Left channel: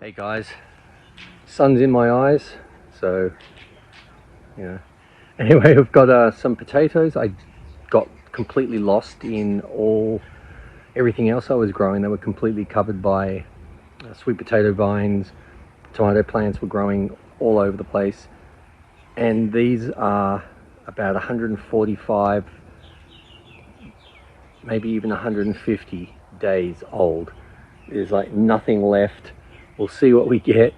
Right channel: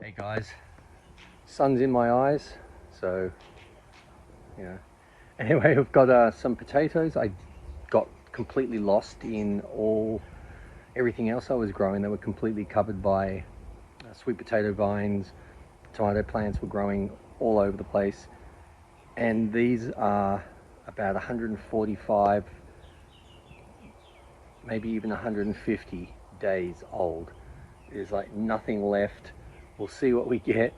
Hey guys, sun's in my eyes, so anyway, I've got some potatoes. I got completely lost in everything else I was growing. They were completely covered by sweet potato vines. Tomato plants were growing all over the place, and these are about 145, maybe even 150 days old. There's like nothing left. We'll see what we get.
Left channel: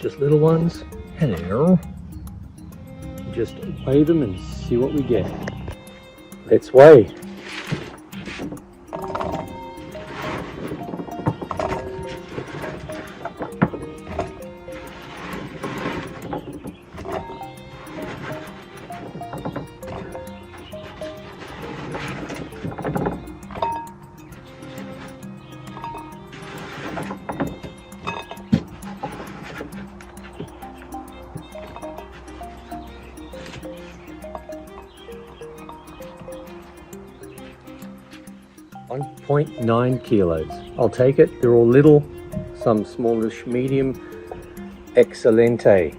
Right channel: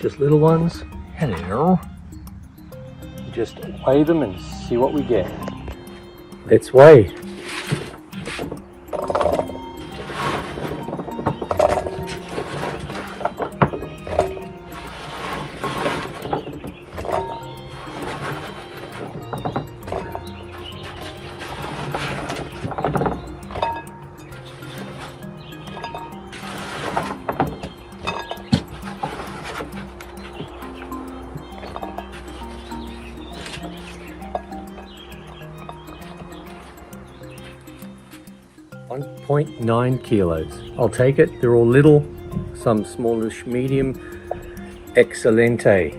Just little ones. Hello. Just weigh them and see what we get. Let's weigh. .9 kilos. I'll take it. They're all little, some smallish, medium. Excelente.